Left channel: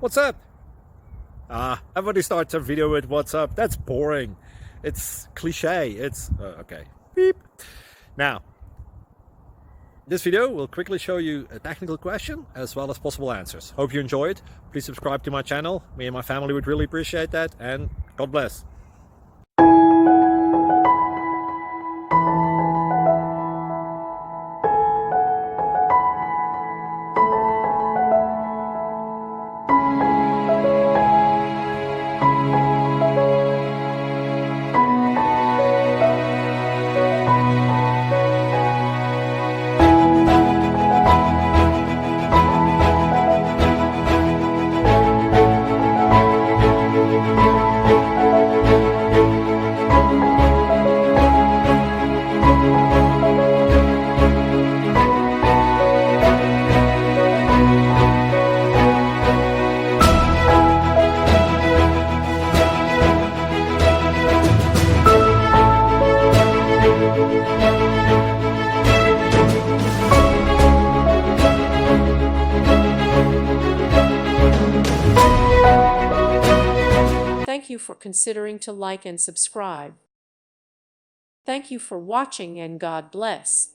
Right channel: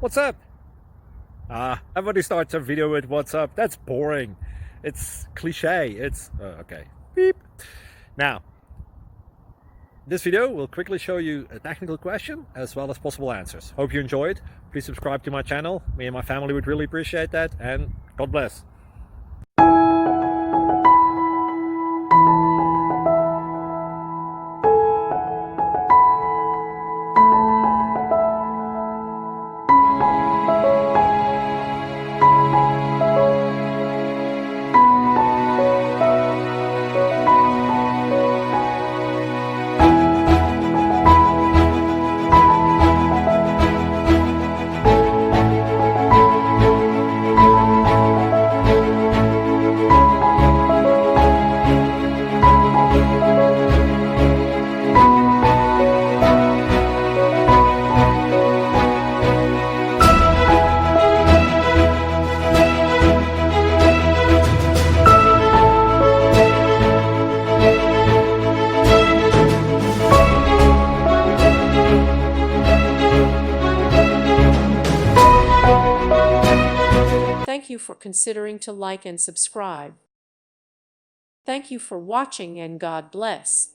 What's up? Everybody starts a video with what's up. That's boring. It's cliche. It's okay. Beep. Now, this video will quickly show you a technical question as well as possible answers. Hope you enjoyed. Please subscribe to my channel. Me and my family would really appreciate that, and God bless. Thank you for considering to like and subscribe. Thank you for watching, and God bless.